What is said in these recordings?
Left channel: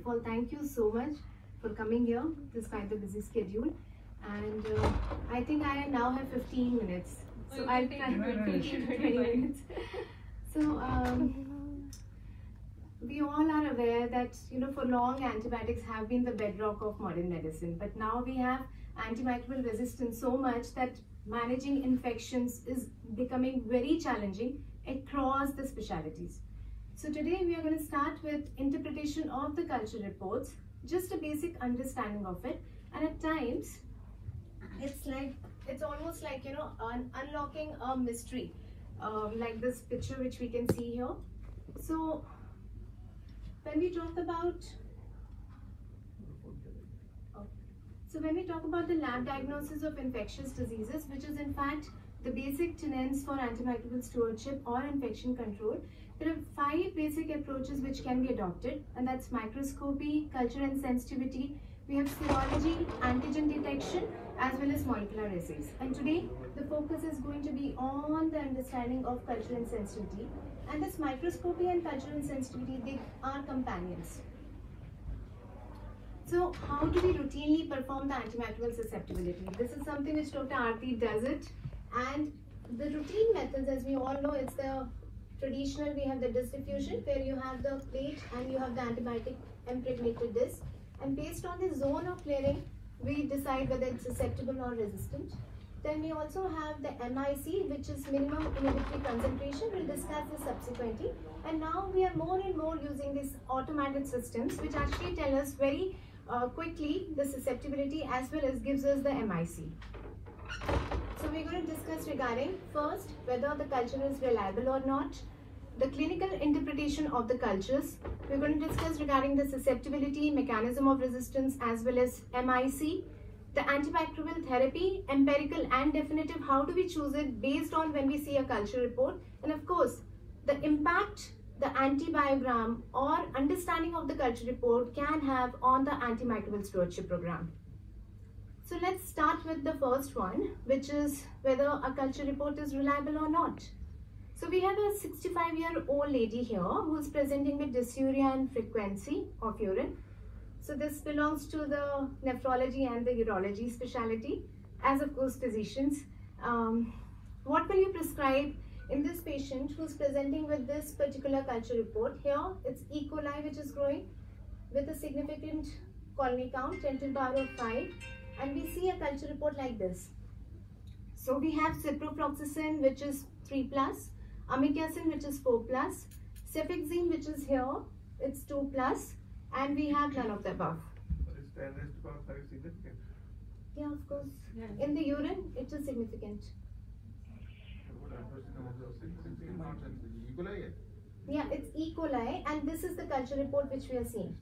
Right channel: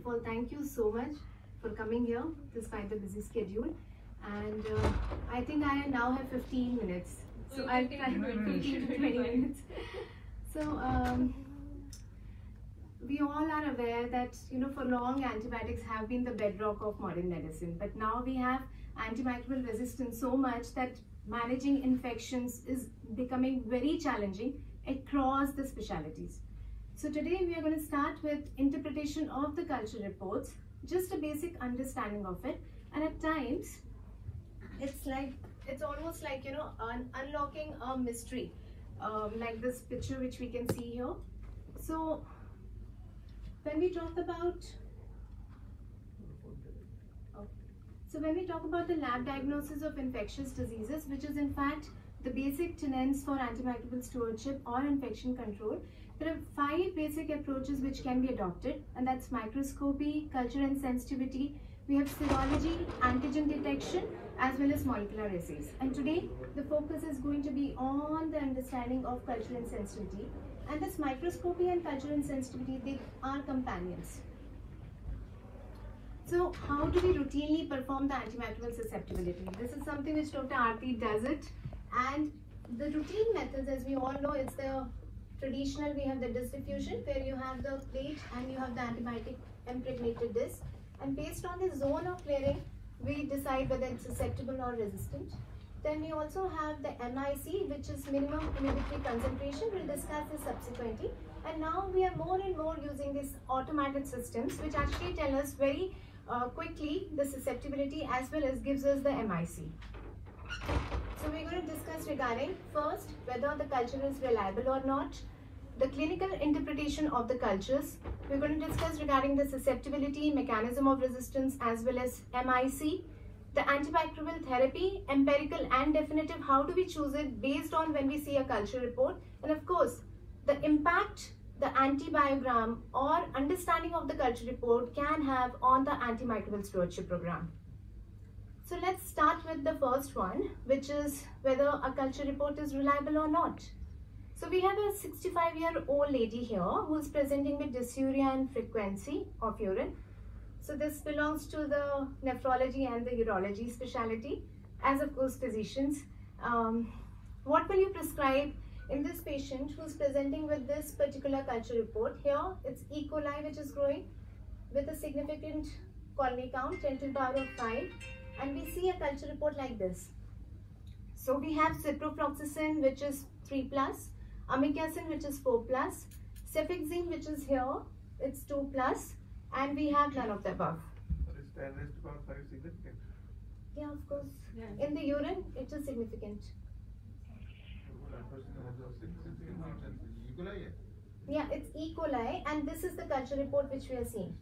of all, thank you so much for coming here despite the busy schedule. And I think I now have 15 minutes. So I'll try to finish in 20 minutes. So we all are aware that, for long antibiotics have been the bedrock of modern medicine. But now we have antimicrobial resistance so much that managing infections is becoming very challenging across the specialties. So today we are going to start with interpretation of the culture reports, just a basic understanding of it. And at times, it's almost like, unlocking a mystery, like this picture which we can see here. So when we talk about the lab diagnosis of infectious diseases, which is in fact the basic tenets for antimicrobial stewardship or infection control, there are 5 basic approaches which can be adopted, and that's microscopy, culture and sensitivity. We have serology, antigen detection, as well as molecular assays. And today, the focus is going to be on the understanding of culture and sensitivity. And this microscopy and culture and sensitivity, they are companions. So how do we routinely perform the antimicrobial susceptibility? This is something which Dr. Aarti does it. And the routine methods, as we all know, it's the traditional, we have the disc diffusion, where you have the plate and you have the antibiotic impregnated disc. And based on the zone of clearing, we decide whether it's susceptible or resistant. Then we also have the MIC, which is minimum inhibitory concentration. We'll discuss this subsequently. And now we are more and more using these automated systems, which actually tell us very quickly the susceptibility as well as gives us the MIC. So we're going to discuss regarding first whether the culture is reliable or not, the clinical interpretation of the cultures. We're going to discuss regarding the susceptibility, mechanism of resistance as well as MIC, the antimicrobial therapy, empirical and definitive, how do we choose it based on when we see a culture report, and of course the impact the antibiogram or understanding of the culture report can have on the antimicrobial stewardship program. So let's start with the first one, which is whether a culture report is reliable or not. So we have a 65-year-old lady here who is presenting with dysuria and frequency of urine. So this belongs to the nephrology and the urology specialty, as of course physicians. What will you prescribe in this patient who is presenting with this particular culture report? Here it's E. coli which is growing with a significant colony count 10 to the power of 5, and we see a culture report like this. So we have ciprofloxacin which is 3+, amikacin which is 4+, cefixime which is here, it's 2+, and we have none of the above. Yeah, of course. In the urine, it is significant. Yeah, it's E. coli, and this is the culture report which we are seeing.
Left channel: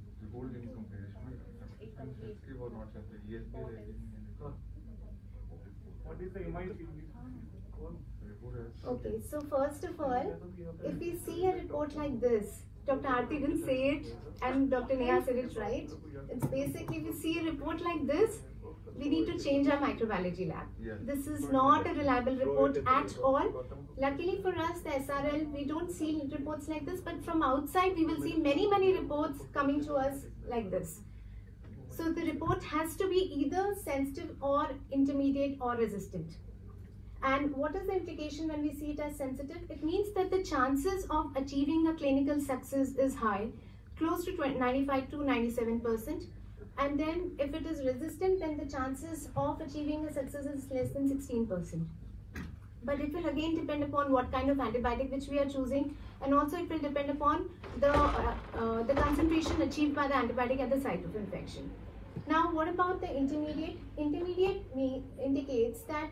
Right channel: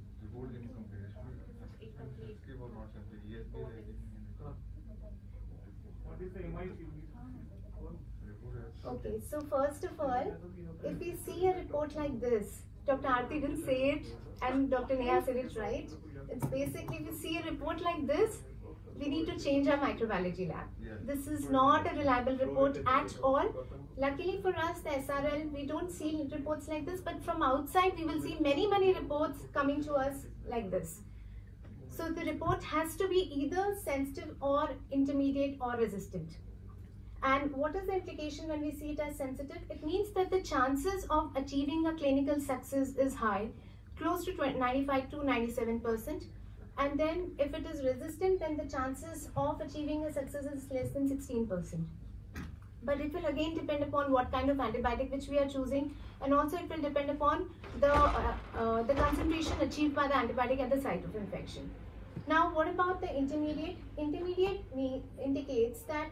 Okay, so first of all, if we see a report like this, Dr. Aarti will say it and Dr. Neha said it right. It's basically, if we see a report like this, we need to change our microbiology lab. This is not a reliable report at all. Luckily for us, the SRL, we don't see reports like this, but from outside, we will see many reports coming to us like this. So the report has to be either sensitive or intermediate or resistant. And what is the implication when we see it as sensitive? It means that the chances of achieving a clinical success is high, close to 95 to 97%. And then if it is resistant, then the chances of achieving a success is less than 16%. But it will again depend upon what kind of antibiotic which we are choosing, and also it will depend upon the concentration achieved by the antibiotic at the site of infection. Now, what about the intermediate? Intermediate indicates that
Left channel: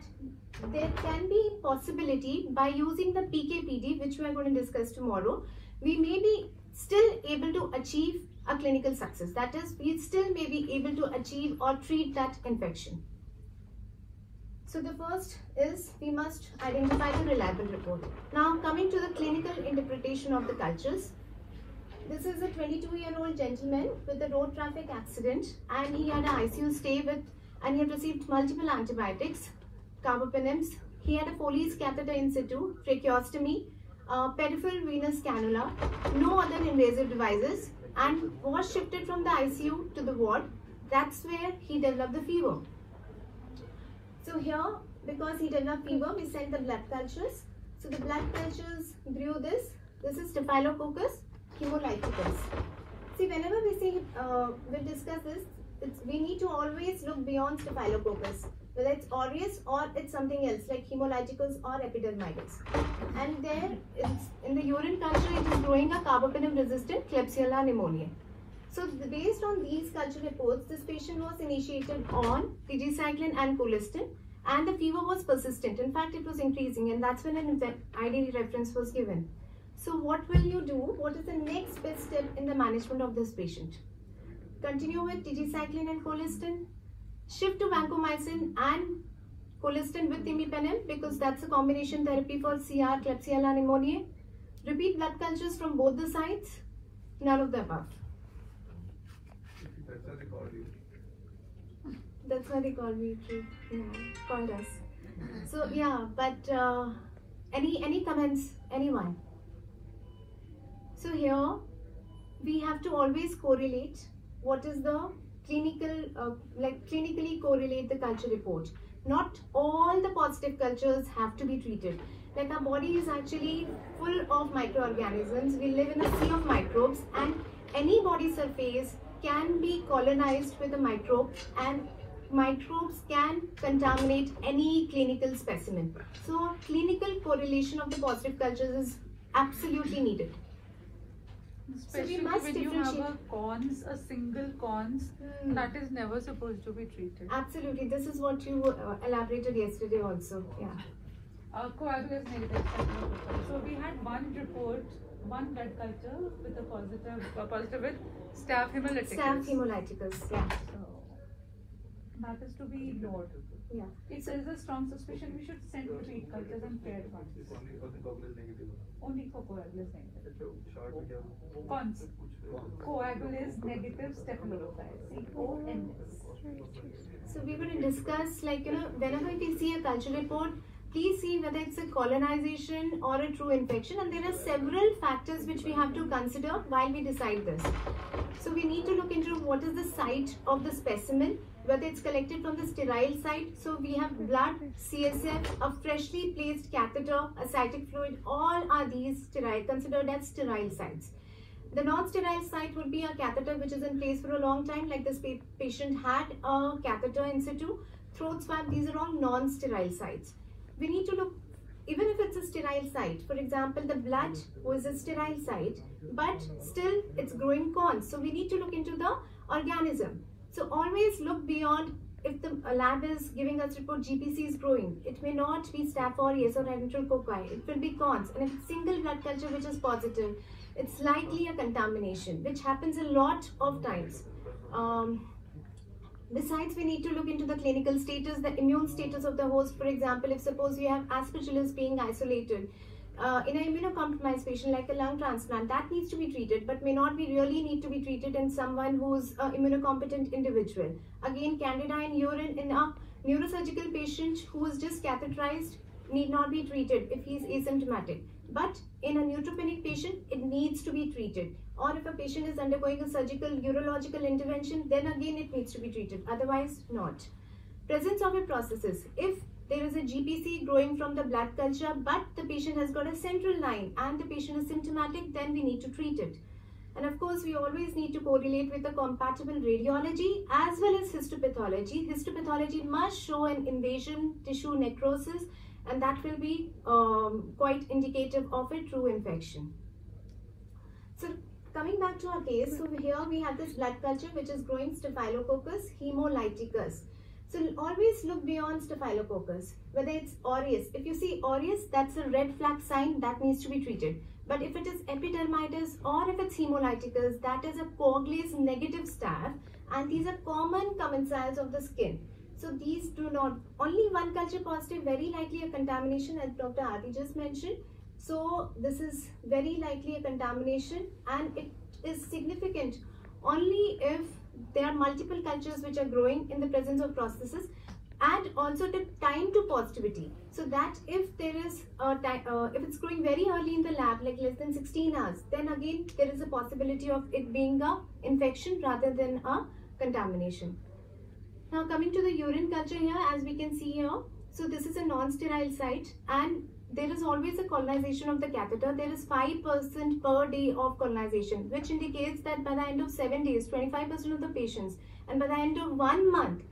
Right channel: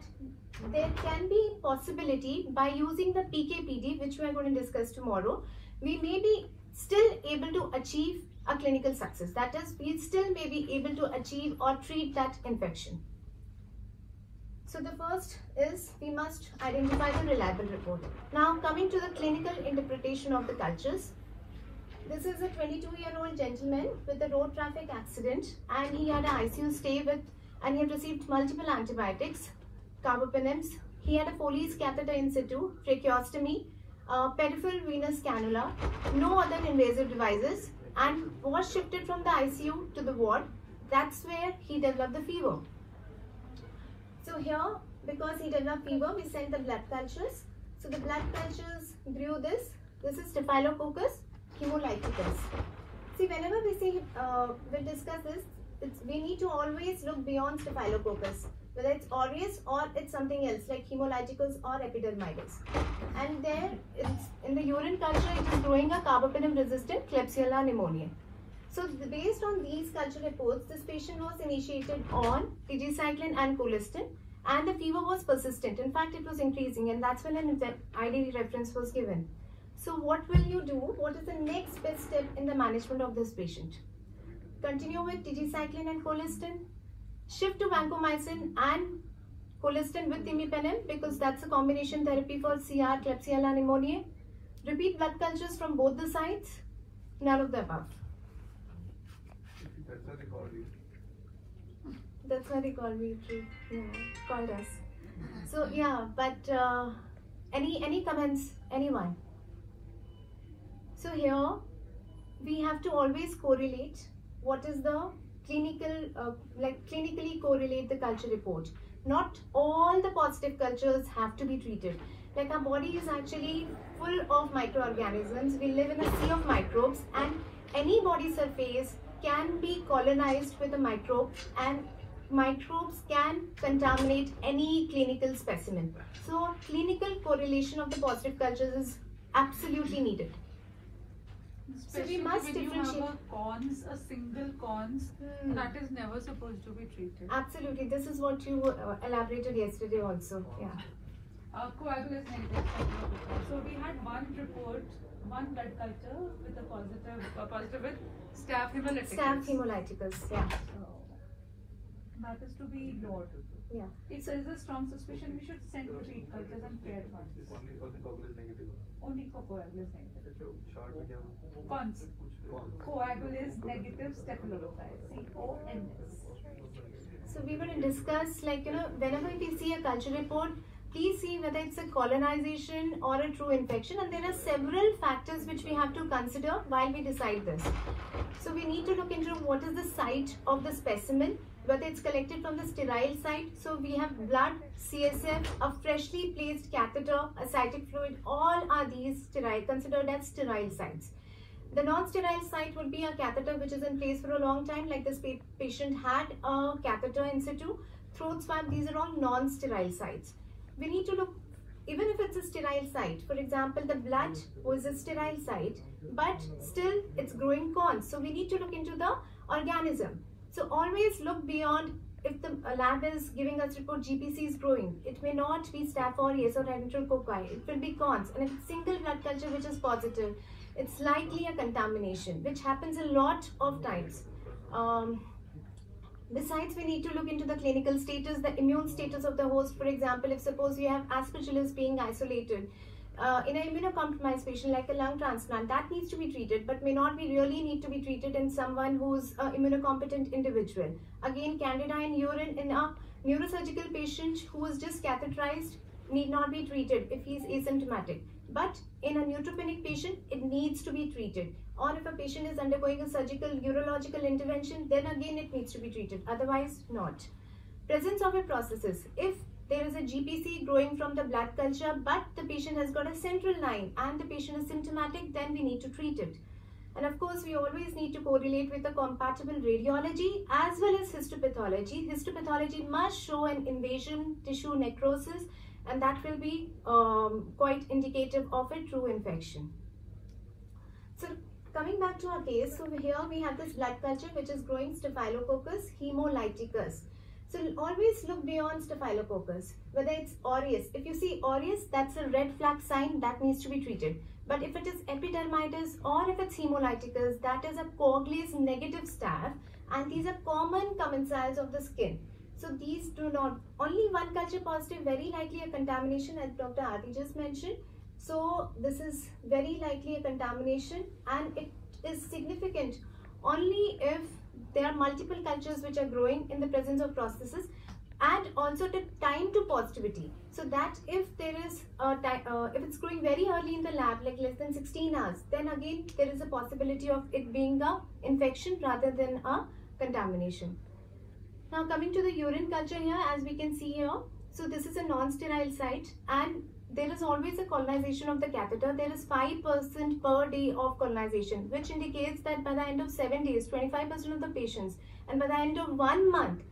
there can be possibility by using the PK/PD, which we are going to discuss tomorrow, we may be still able to achieve a clinical success. That is, we still may be able to achieve or treat that infection. So the first is we must identify the reliable report. Now coming to the clinical interpretation of the cultures. This is a 22-year-old gentleman with a road traffic accident, and he had an ICU stay and he had received multiple antibiotics, carbapenems. He had a Foley's catheter in situ, tracheostomy, peripheral venous cannula, no other invasive devices, and was shifted from the ICU to the ward. That's where he developed the fever. So here, because he developed fever, we sent the blood cultures. So the blood cultures grew this. This is Staphylococcus hemolyticus. See, whenever we discuss this, we need to always look beyond Staphylococcus, whether it's aureus or it's something else like hemolyticus or epidermidis. And there, in the urine culture, it is growing a carbapenem-resistant Klebsiella pneumoniae. So based on these culture reports, this patient was initiated on tigecycline and colistin, and the fever was persistent. In fact, it was increasing, and that's when an ID reference was given. So what will you do? What is the next best step in the management of this patient? Continue with tigecycline and colistin, shift to vancomycin and colistin with imipenem, because that's a combination therapy for CR, Klebsiella pneumoniae. Repeat blood cultures from both the sides. None of the above. That's why they call me, called us. So yeah, but any comments, anyone? So here we have to always correlate what is the clinical, clinically correlate the culture report. Not all the positive cultures have to be treated. Like our body is actually full of microorganisms. We live in a sea of microbes, and any body surface can be colonized with a microbe, and microbes can contaminate any clinical specimen. So clinical correlation of the positive cultures is absolutely needed. Especially so we must when you have a single cons, that is never supposed to be treated. Absolutely, this is what you elaborated yesterday also. Yeah. Coagulous negative. So we had one report, one blood culture with a positive with Staph hemolyticus. Staph hemolyticus, yeah. That is to be ignored. Yeah. If there is a strong suspicion, we should send repeat cultures and paired ones. Only for coagulous negative. Cons. Coagulase negative staphylococcus. CONS. So we will discuss, whenever we see a culture report, please see whether it's a colonization or a true infection, and there are several factors which we have to consider while we decide this. So we need to look into what is the site of the specimen, whether it's collected from the sterile site. So we have blood, CSF, a freshly placed catheter, ascitic fluid, all are these sterile, considered as sterile sites. The non-sterile site would be a catheter which is in place for a long time, like this patient had a catheter in situ, throat swab, these are all non-sterile sites. We need to look, even if it's a sterile site, for example, the blood was a sterile site, but still it's growing cons. So we need to look into the organism. So always look beyond. If the lab is giving us report GPC is growing, it may not be Staph aureus or enterococci, it will be cons. And if it's single blood culture which is positive, it's likely a contamination, which happens a lot of times. Besides, we need to look into the clinical status, the immune status of the host. For example, if suppose we have Aspergillus being isolated, in an immunocompromised patient like a lung transplant, that needs to be treated, but may not be really need to be treated in someone who's an immunocompetent individual. Again, Candida in urine in a neurosurgical patient who is just catheterized need not be treated if he is asymptomatic. But in a neutropenic patient, it needs to be treated. Or if a patient is undergoing a surgical urological intervention, then again it needs to be treated. Otherwise, not. Presence of a processes. If there is a GPC growing from the blood culture, but the patient has got a central line and the patient is symptomatic, then we need to treat it. And of course, we always need to correlate with a compatible radiology as well as histopathology. Histopathology must show an invasion, tissue necrosis, and that will be quite indicative of a true infection. So coming back to our case, so here we have this blood culture which is growing Staphylococcus hemolyticus. So always look beyond Staphylococcus, whether it's aureus. If you see aureus, that's a red flag sign that needs to be treated. But if it is epidermidis or if it's hemolyticus, that is a coagulase negative staph, and these are common commensals of the skin. So these do not, only one culture positive, very likely a contamination, as Dr. Adi just mentioned. So this is very likely a contamination, and it is significant only if there are multiple cultures which are growing in the presence of prosthesis. and also the time to positivity. So that if there is if it's growing very early in the lab, like less than 16 hours, then again there is a possibility of it being a infection rather than a contamination. Now coming to the urine culture here, as we can see here, so this is a non-sterile site and there is always a colonization of the catheter. There is 5% per day of colonization, which indicates that by the end of 7 days, 25% of the patients, and by the end of 1 month,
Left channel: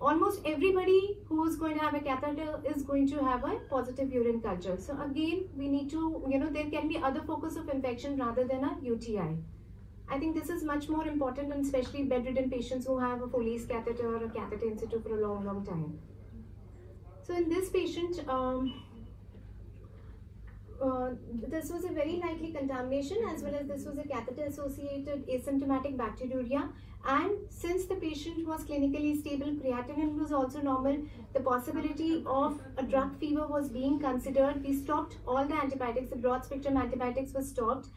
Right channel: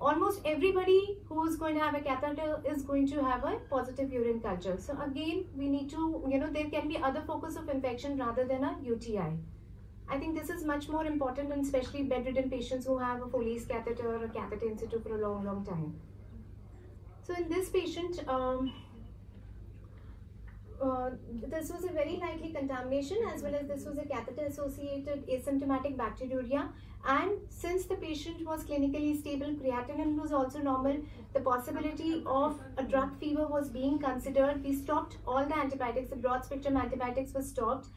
almost everybody who is going to have a catheter is going to have a positive urine culture. So again, we need to, there can be other focus of infection rather than a UTI. I think this is much more important, and especially bedridden patients who have a Foley's catheter or a catheter in situ for a long time. So in this patient, this was a very likely contamination, as well as this was a catheter-associated asymptomatic bacteriuria. And since the patient was clinically stable, creatinine was also normal, the possibility of a drug fever was being considered. We stopped all the antibiotics, the broad spectrum antibiotics were stopped.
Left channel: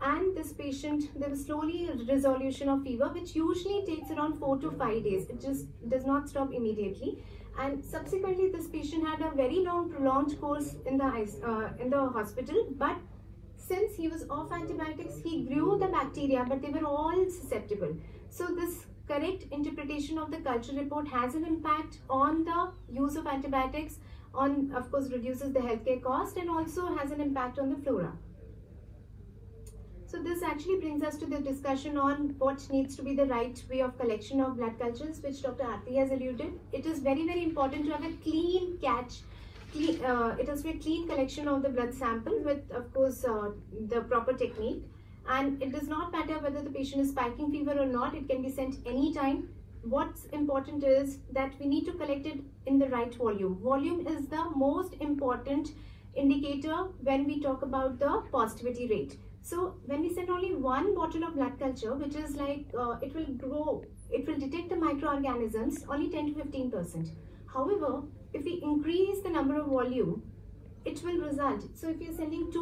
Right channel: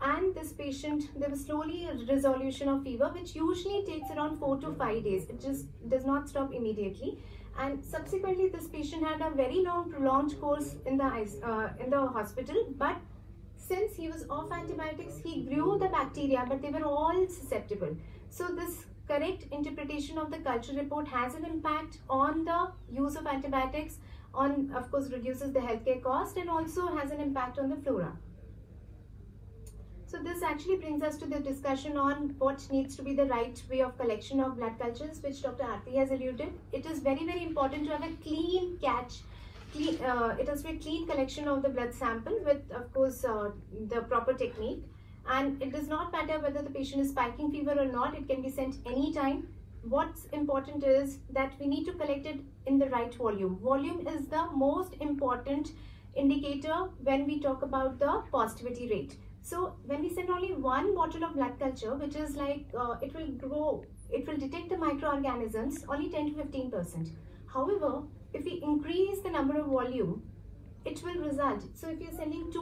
And this patient, there was slowly a resolution of fever, which usually takes around 4 to 5 days. It just does not stop immediately. And subsequently, this patient had a very long, prolonged course in the hospital. But since he was off antibiotics, he grew the bacteria, but they were all susceptible. So this correct interpretation of the culture report has an impact on the use of antibiotics, on, of course, reduces the healthcare cost, and also has an impact on the flora. So this actually brings us to the discussion on what needs to be the right way of collection of blood cultures, which Dr. Aarti has alluded. It is very, very important to have a clean catch. It has to be a clean collection of the blood sample with, of course, the proper technique. And it does not matter whether the patient is spiking fever or not. It can be sent anytime. What's important is that we need to collect it in the right volume. Volume is the most important indicator when we talk about the positivity rate. So when we send only one bottle of blood culture, which is like, it will grow, it will detect the microorganisms only 10 to 15%. However, if we increase the number of volume, it will result. So if you're sending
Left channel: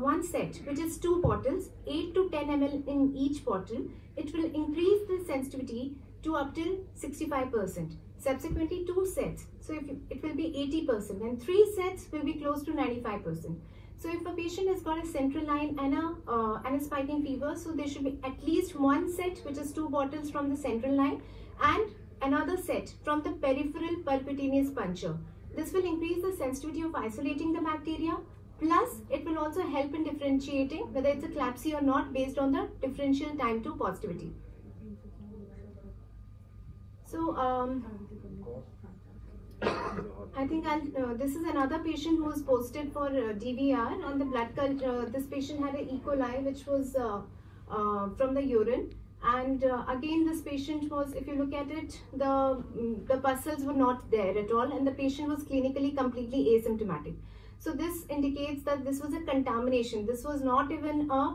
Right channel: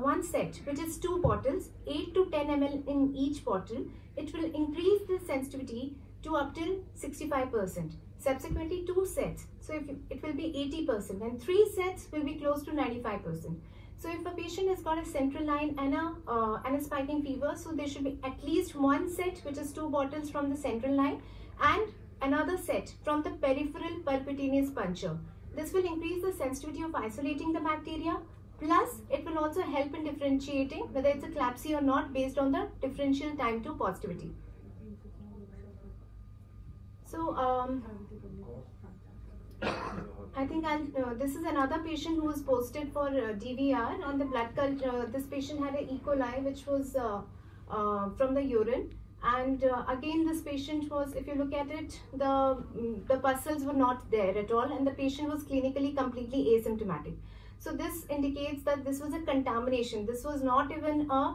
one set, which is 2 bottles, 8 to 10 ml in each bottle, it will increase the sensitivity to up till 65%. Subsequently, 2 sets, so if it will be 80%, and 3 sets will be close to 95%. So if a patient has got a central line and a spiking fever, so there should be at least 1 set, which is 2 bottles from the central line, and another set from the peripheral percutaneous puncture. This will increase the sensitivity of isolating the bacteria, plus it will also help in differentiating whether it's a CLABSI or not based on the differential time to positivity. So I think this is another patient who was posted for DVR, and the blood culture, this patient had an E. coli which was from the urine. And again, this patient was, if you look at it, the pustules were not there at all, and the patient was clinically completely asymptomatic. So this indicates that this was a contamination. This was not even a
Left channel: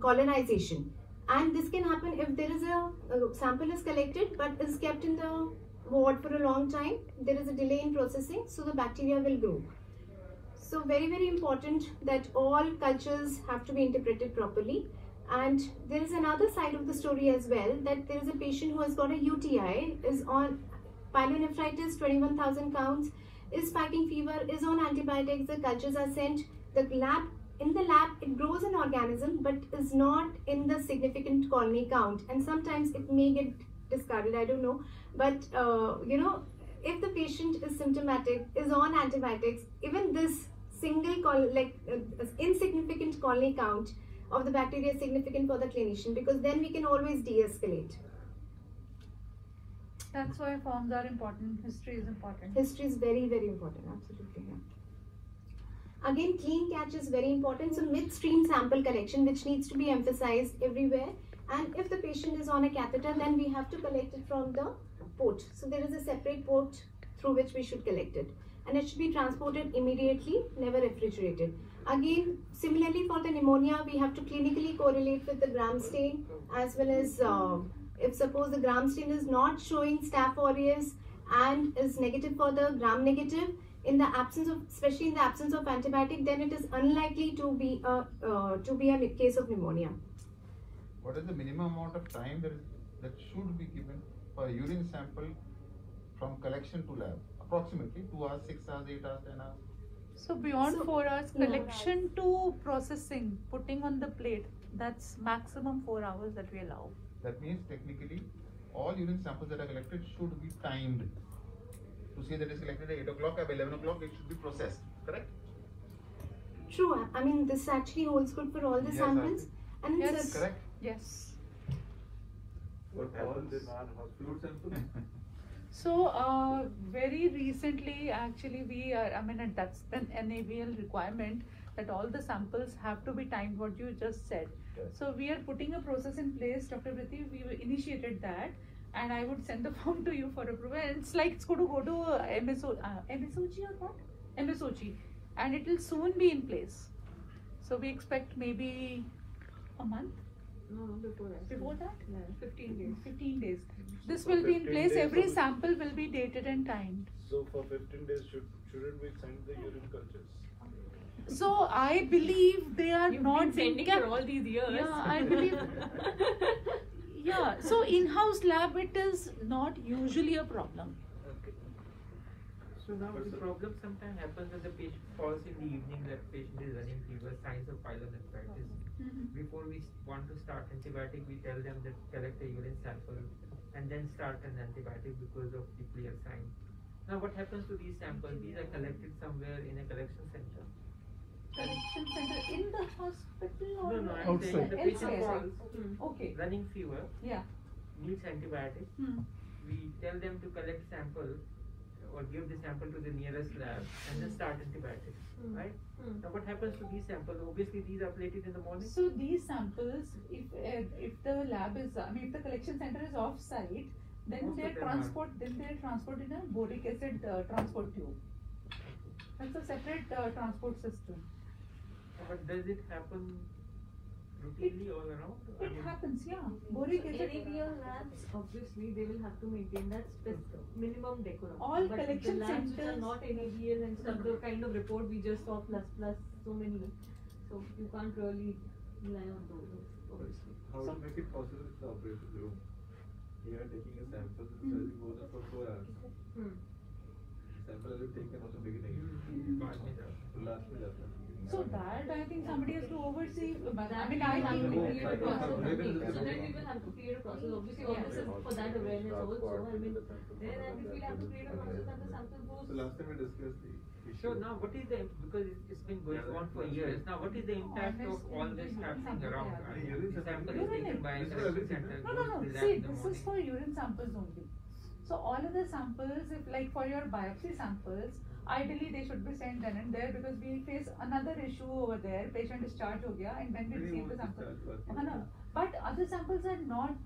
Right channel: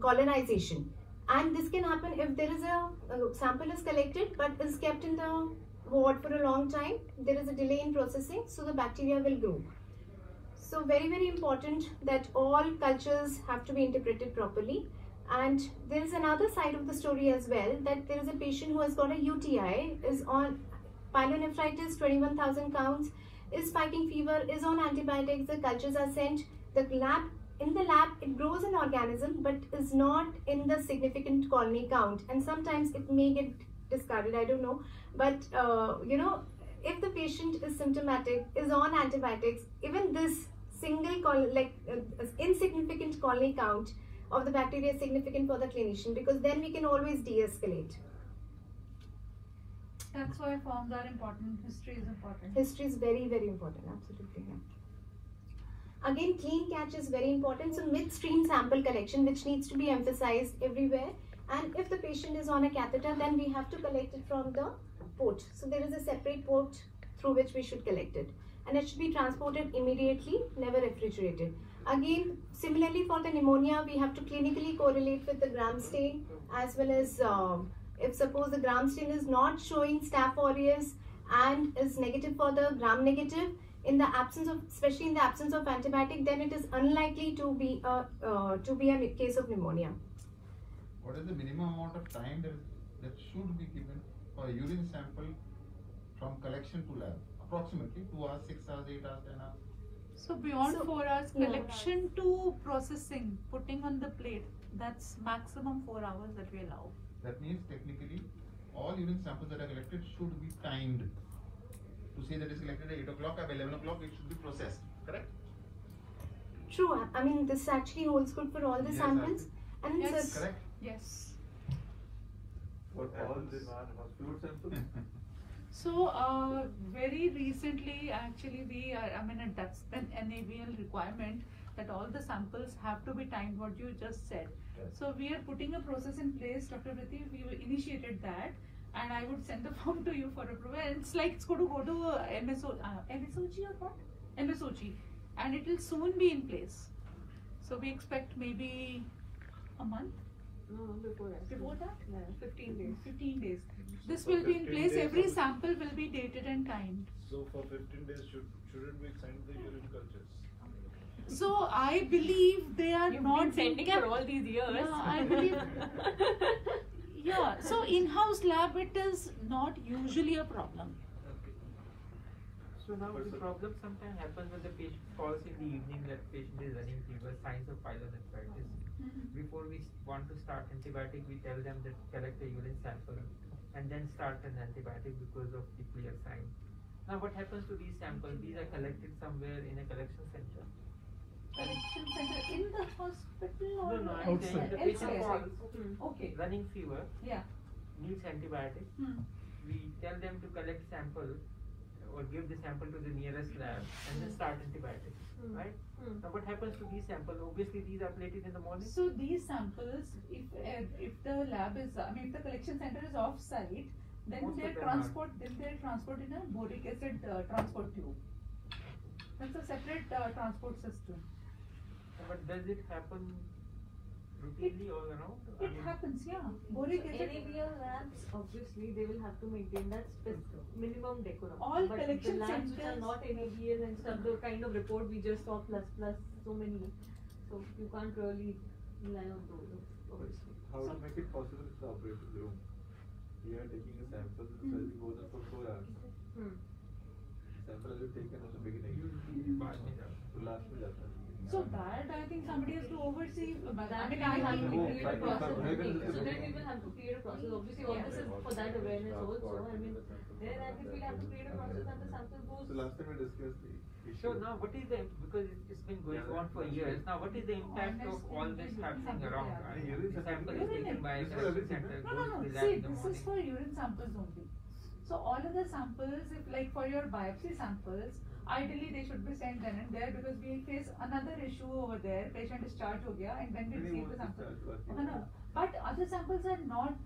colonization. And this can happen if there is a sample is collected but is kept in the ward for a long time. There is a delay in processing, so the bacteria will grow. So very, very important that all cultures have to be interpreted properly. And there is another side of the story as well, that there is a patient who has got a UTI, is on pyelonephritis, 21,000 counts, is spiking fever, is on antibiotics, the cultures are sent, in the lab it grows an organism but is not in the significant colony count, and sometimes it may get discarded, I don't know, but if the patient is symptomatic, is on antibiotics, even this insignificant colony count of the bacteria is significant for the clinician, because then we can always de-escalate. That's why forms are important. History is important. History is very, very important. Absolutely right. Again, clean catch is very important. So midstream sample collection, which needs to be emphasized everywhere. And if the patient is on a catheter, then we have to collect it from the port. So there is a separate port through which we should collect it. And it should be transported immediately, never refrigerated. Again, similarly for the pneumonia, we have to clinically correlate with the gram stain, as well as if suppose the gram stain is not showing Staph aureus and is negative for the gram negative, in the absence of, especially in the absence of antibiotic, then it is unlikely to be a case of pneumonia. What is the minimum amount of time that should be given for a urine sample from collection to lab? Approximately 2 hours, 6 hours, 8 hours, 10 hours. So beyond So, 4 hours, yeah. collection to processing, putting on the plate, that's maximum 4 hours that we allow. That means technically all urine samples that are collected should be timed. To say that it's collected at 8 o'clock, at 11 o'clock, it should be processed, correct? True. I mean, this actually holds good for all the Yes, samples. And it's Yes. Correct? Yes. What happens in fluid sample? So very recently, actually, that's an NABL requirement that all the samples have to be timed. What you just said. Yes. So we are putting a process in place, Dr. Vriti. We initiated that, and I would send the form to you for approval. And it's like it's going to go to MSOG or what? MSOG, and it will soon be in place. So we expect maybe a month. No, before that. Before that? Yeah, 15 days. 15 days. This For will be in 15 place. days Every of- sample will be dated and timed. So for 15 days, shouldn't we send the urine cultures? So I believe they are You've not been sending kept- for all these years. Yeah, I believe. Yeah. So in-house lab, it is not usually a problem. Okay. So now the problem sometimes happens when the patient falls in the evening, that patient is running fever, signs of pyelonephritis. Before we want to start antibiotic, we tell them that collect a urine sample and then start an antibiotic because of the clear sign. Now what happens to these samples? These are collected somewhere in a collection center. Collection center in the hospital or No, I'm saying the patient Outside. falls, Okay. running fever, Yeah. needs antibiotic. We tell them to collect sample or give the sample to the nearest lab and then start antibiotics, right? Now what happens to these samples? Obviously these are plated in the morning. So these samples, if the lab is, if the collection center is off-site, then Most they of them transport in a boric acid transport tube. That's a separate transport system. But does it happen routinely all around? I It mean, happens, yeah. Boric acid. NABL labs, obviously, they will have to maintain that minimum decorum. All but collection the labs which are centers- not NABL and stuff, the kind of report we just saw plus so many. So you can't really rely on those, obviously. How to make it possible to operate the room? You are taking a sample, the study goes on for 4 hours. Sample is taken at the beginning. To last with that. So that I think somebody has to oversee. I mean, That I we think. will have to create a process. Maybe So this is- then we will have to create a process. Obviously, all this is for that awareness also. I mean, then and if we have to create a process and the sample So goes. last time we discussed the issue. So now what is the, because it's been going on for years, now what is the impact of all this happening around? I mean, the sample is taken by a collection center, No, goes to the lab See, in the this is morning. for urine samples only. So all of the samples, if like for your biopsy samples, ideally they should be sent then and there because we face another issue over there. Patient discharged ho gaya and then we receive the sample. But other samples are not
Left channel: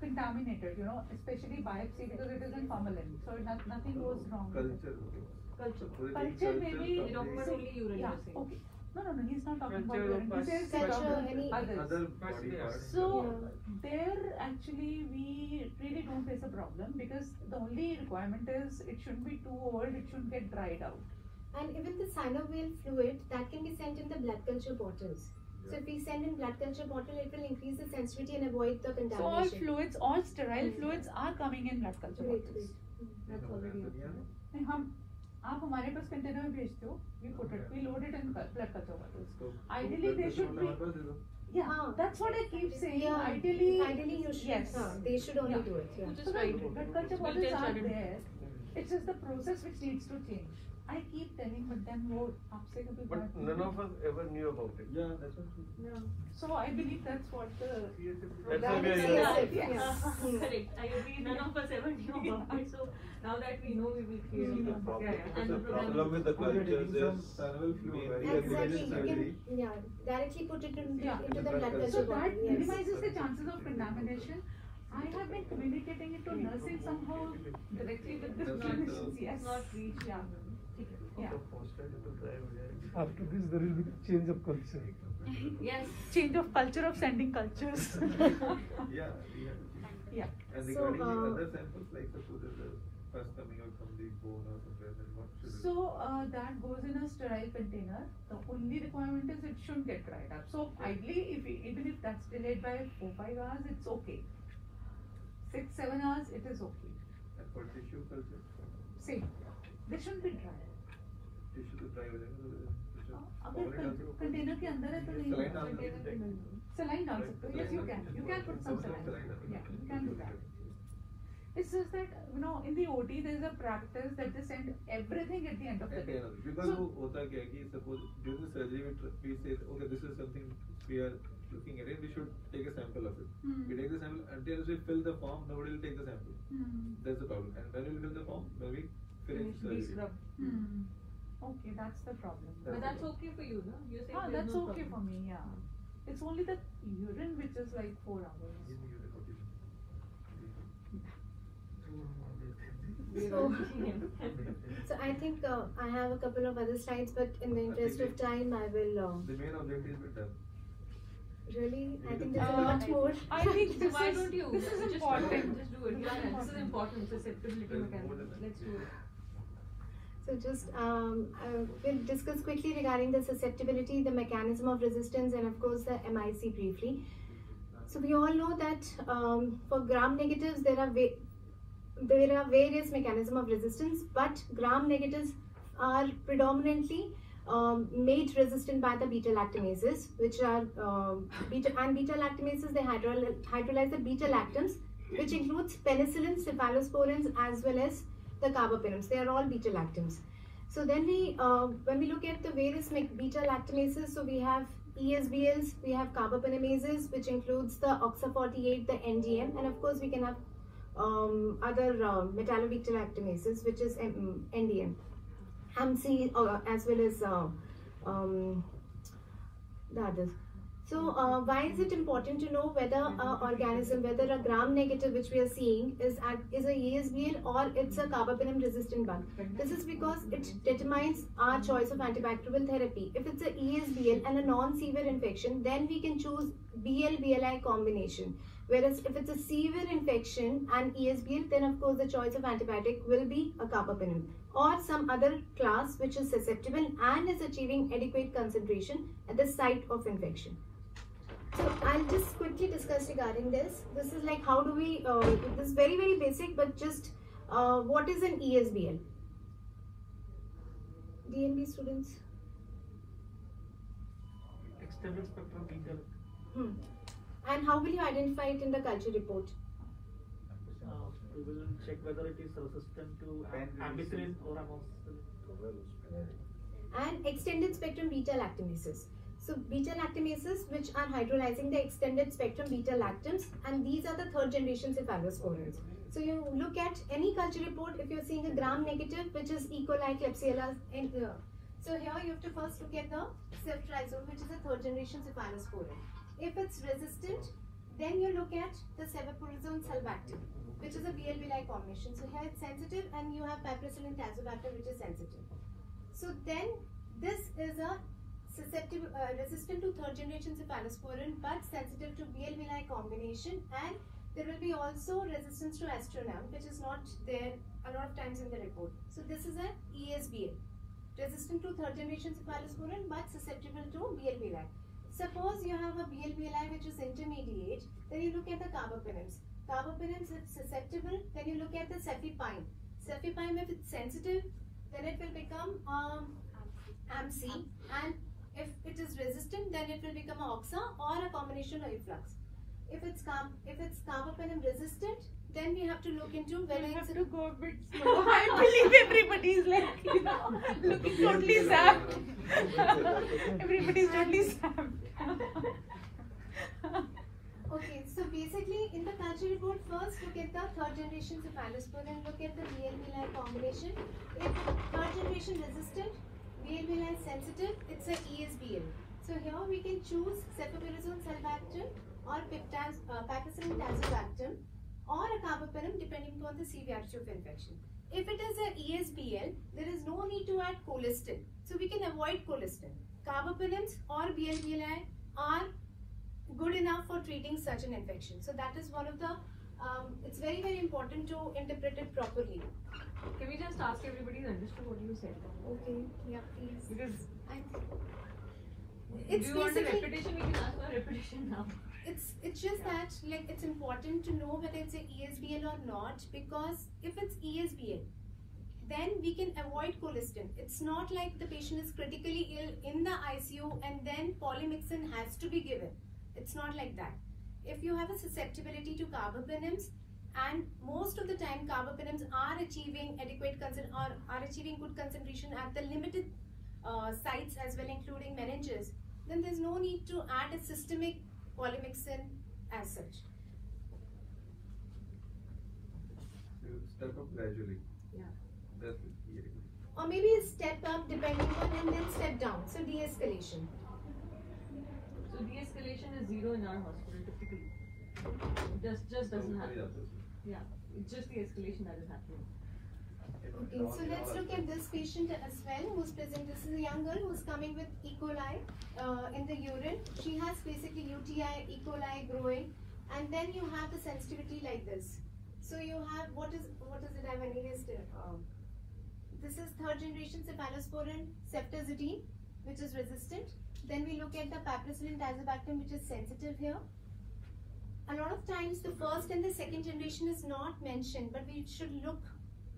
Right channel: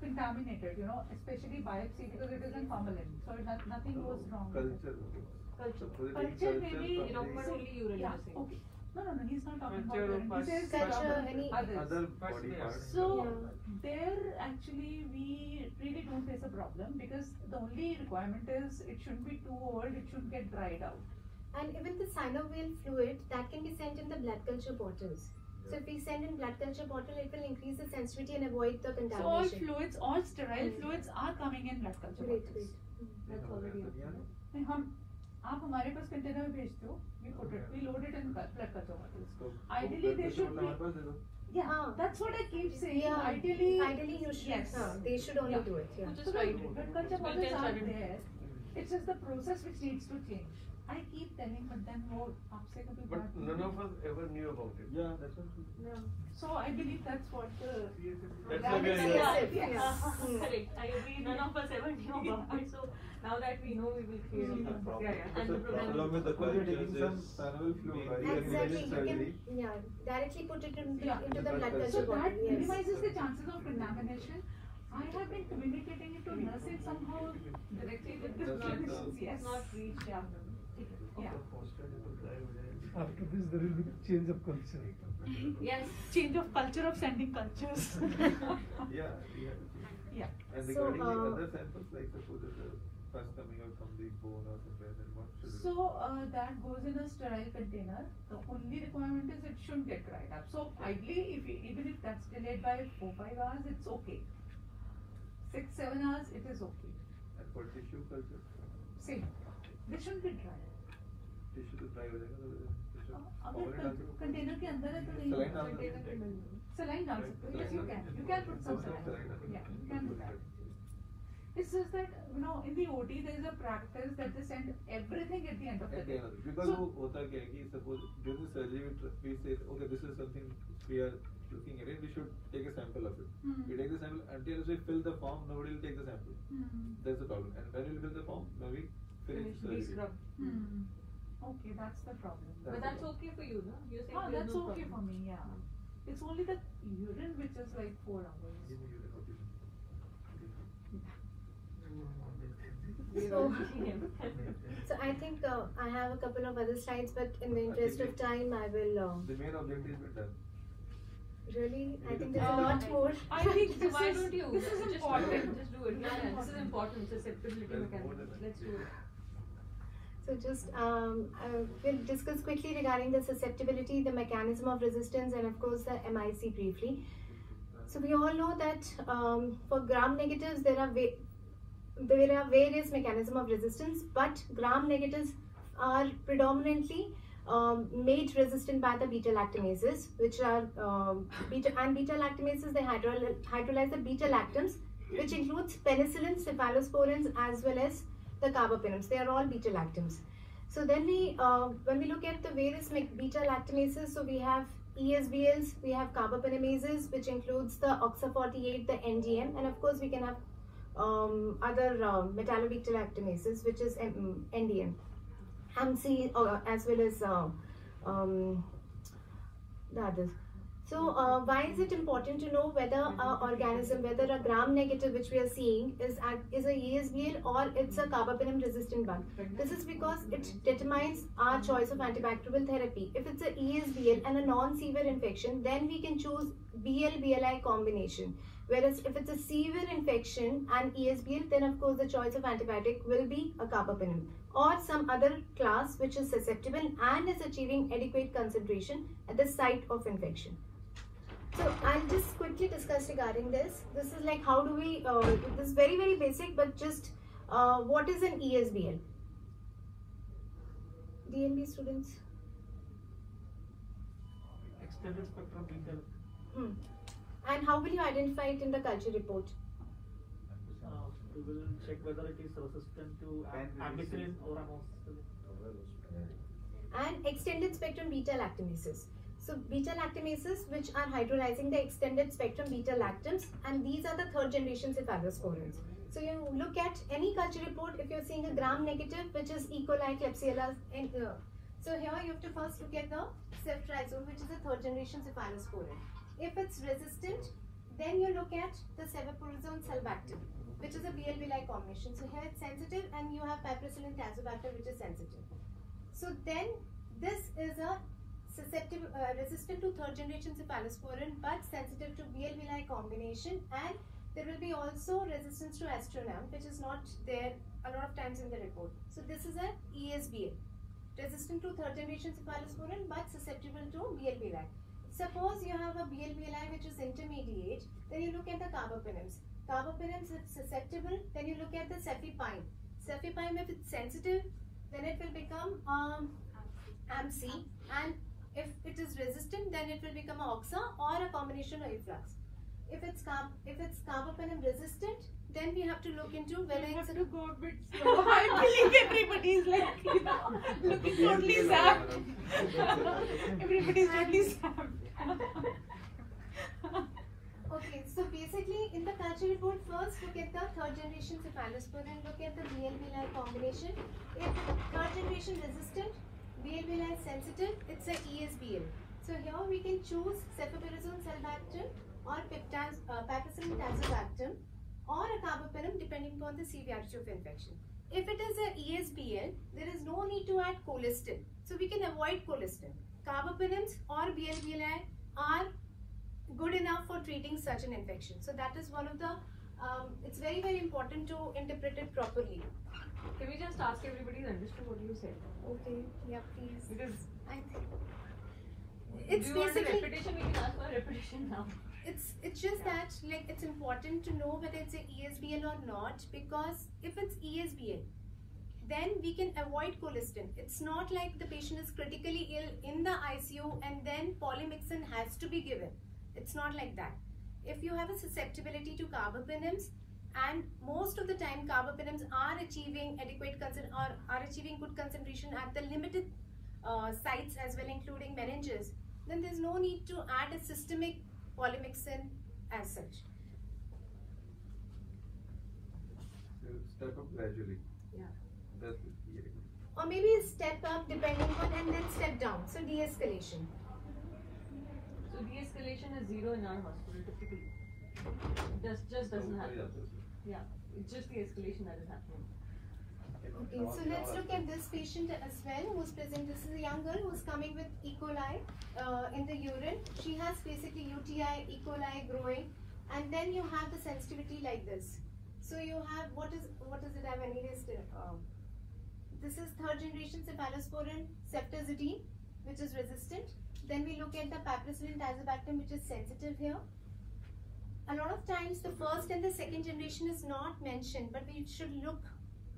contaminated, especially biopsy because it is in formalin. So nothing goes wrong. with it. Culture. So they take Culture maybe, You know, but only urine, yeah, you're saying. okay. No, he's not talking about Culture of urine. He says Culture, any- others. Other body parts. So there actually we really don't face a problem because the only requirement is it shouldn't be too old, it shouldn't get dried out. And even the synovial fluid that can be sent in the blood culture bottles. So if we send in blood culture bottle, it will increase the sensitivity and avoid the So all contamination. fluids, all sterile fluids are coming in blood culture Great, bottles. That's already. And हम आप हमारे पास container में भेजते हो, we put it, we load it in blood culture bottles. Ideally they should be, yeah, Ah. that's what I keep saying. Yeah, Ideally you should. yes. They should only Yeah. do it. Yeah. So Right. the blood culture Well, bottles then are shouldn't- there. It's just the process which needs to change. I keep telling them, वो आपसे कभी But बात none नहीं of us ever knew about it. Yeah, that's what. Yeah. So I believe that's what the That's Right, why we are yeah, here. Yes. Correct. I agree. None of us ever knew about it. So now that we know, we will create a process. Yeah. And The problem with the cultures is synovial fluid, right? Exactly. You Surgery. can, yeah, directly put it into Yeah. the blood So culture So bottle. that Yes. minimizes the chances of contamination. I have been communicating it to nurses somehow directly with the clinicians. Yes. Not reach. Yeah. Yeah. After this, there will be change of culture. Yes. Change of culture of sending cultures. Yeah, yeah. Yeah. And So, regarding the other samples, like suppose there's a first coming out from the bone or somewhere, then what should it? So that goes in a sterile container. The only requirement is it shouldn't get dried up. So ideally, even if that's delayed by 4-5 hours, it's okay. 6-7 hours, it is okay. And for tissue culture, Same. They shouldn't be dry. tissue तो dry हो जाएगा तो अगर container के अंदर है तो नहीं Saline होगा। डाल सकते हैं। Saline डाल सकते हो। Yes, you can. You can put some saline. Yeah, you can do that. It's just that, you know, in the OT there is a practice that they send everything at the end of the day. Because वो होता क्या है कि suppose during the surgery we say okay this is something we are looking at it, we should take a sample of it. We take the sample until we fill the form, nobody will take the sample. That's the problem. And when we fill the form, when we finish surgery. Okay, that's the problem. But that's okay for you, no? You're saying No, there's that's no okay for problem. me, yeah. It's only the urine which is like 4 hours. So I think I have a couple of other slides, but in the interest of time, I will The main objective is done. really. I think there's a lot more. I think this Why is don't you? this is Just important. Just do it. Yeah, this is important. Susceptibility mechanism. Let's do it. So just we'll discuss quickly regarding the susceptibility, the mechanism of resistance, and of course the MIC briefly. So we all know that for gram negatives there are various mechanisms of resistance, but gram negatives are predominantly made resistant by the beta lactamases, which are beta lactamases. They hydrolyze the beta lactams, which includes penicillins, cephalosporins, as well as the carbapenems. They are all beta lactams. So then when we look at the various beta lactamases, so we have ESBLs, we have carbapenemases, which includes the OXA48, the NDN, and of course we can have other metallobeta lactamases, which is NDN, MC, as well as the others. So why is it important to know whether an organism, whether a gram negative which we are seeing is a ESBL or it's a carbapenem resistant one? This is because it determines our choice of antibacterial therapy. If it's a ESBL and a non-severe infection, then we can choose BL-BLI combination. Whereas if it's a severe infection and ESBL, then of course the choice of antibiotic will be a carbapenem or some other class which is susceptible and is achieving adequate concentration at the site of infection. So I'll just quickly discuss regarding this. This is like how do we, this is very basic, but just what is an ESBL? DMB students? Extended spectrum beta. And how will you identify it in the culture report? We will check whether it is resistant to ampicillin or amoxicillin. And extended spectrum beta lactamases. So beta lactamases which are hydrolyzing the extended spectrum beta lactams, and these are the third generation cephalosporins. So you look at any culture report, if you're seeing a gram negative which is E. coli, Klebsiella, and so here you have to first look at the ceftriaxone, which is a third generation cephalosporin. If it's resistant, then you look at the cephalosporin sulbactam, which is a BL-BLI combination. So here it's sensitive, and you have piperacillin tazobactam, which is sensitive. So then this is a susceptible, resistant to third generation cephalosporin, but sensitive to BL-BLI combination, and there will be also resistance to astronam, which is not there a lot of times in the report. So this is an ESBL, resistant to third generation cephalosporin, but susceptible to BL-BLI. Suppose you have a BL-BLI which is intermediate, then you look at the carbapenems. Carbapenems, if susceptible, then you look at the cefepime. Cefepime, if it's sensitive, then it will become AMC, and if it is resistant, then it will become a OXA or a combination of efflux. If it's carbapenem resistant, then we have to look into whether We it's have to go a bit slow. I believe everybody is like, you know, looking totally zapped. Everybody's totally zapped. Okay, so basically in the culture report, first look at the third generation cephalosporin, look at the BL-BLI combination. If third generation resistant, BL-BLI sensitive, it's a ESBL. So here we can choose cephalosporin sulbactam or piperacillin tazobactam or a carbapenem depending upon the severity of infection. If it is a ESBL, there is no need to add colistin. So we can avoid colistin. Carbapenems or BL-BLI are good enough for treating such an infection. So that is one of the, it's very important to interpret it properly. Can we just ask everybody to understand what you said? Okay, yeah, please. Because It's do you want a basically, repetition? We can ask for a repetition now. It's just that like it's important to know whether it's a ESBL or not, because if it's ESBL, then we can avoid colistin. It's not like the patient is critically ill in the ICU and then polymyxin has to be given. It's not like that. If you have a susceptibility to carbapenems, and most of the time carbapenems are achieving adequate or are achieving good concentration at the limited sites as well, including meninges, then there's no need to add a systemic polymyxin as such. So step up gradually. Yeah. That's the key. Or maybe a step up depending on and then step down. So de-escalation. So de-escalation is 0 in our hospital typically. Just doesn't happen. Yeah, it's just the escalation that is happening. Okay, so let's look at this patient as well who's present. This is a young girl who's coming with E. coli in the urine. She has basically UTI, E. coli growing, and then you have the sensitivity like this. So you have, what is it I've analyzed? This is third generation cephalosporin ceftazidime, which is resistant. Then we look at the piperacillin tazobactam, which is sensitive here. A lot of times the first and the second generation is not mentioned, but we should look,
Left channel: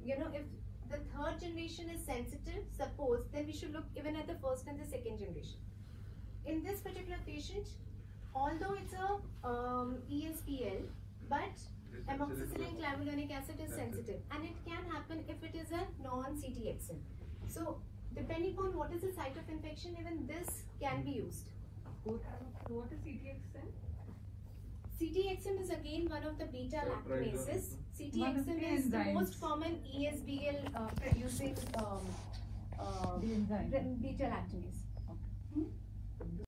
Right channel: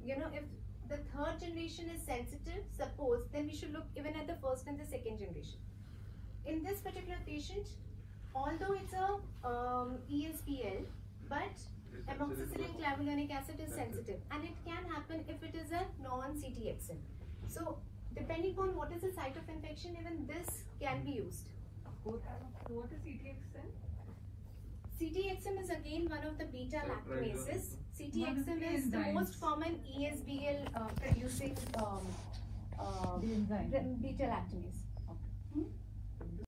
you know, if the third generation is sensitive, suppose, then we should look even at the first and the second generation. In this particular patient, although it's a ESBL, but amoxicillin clavulanic acid is sensitive, and it can happen if it is a non-CTXM. So depending on what is the site of infection, even this can be used. So what is CTXM? CTXM is again one of the beta lactamases. CTXM is the most common ESBL producing beta lactamase.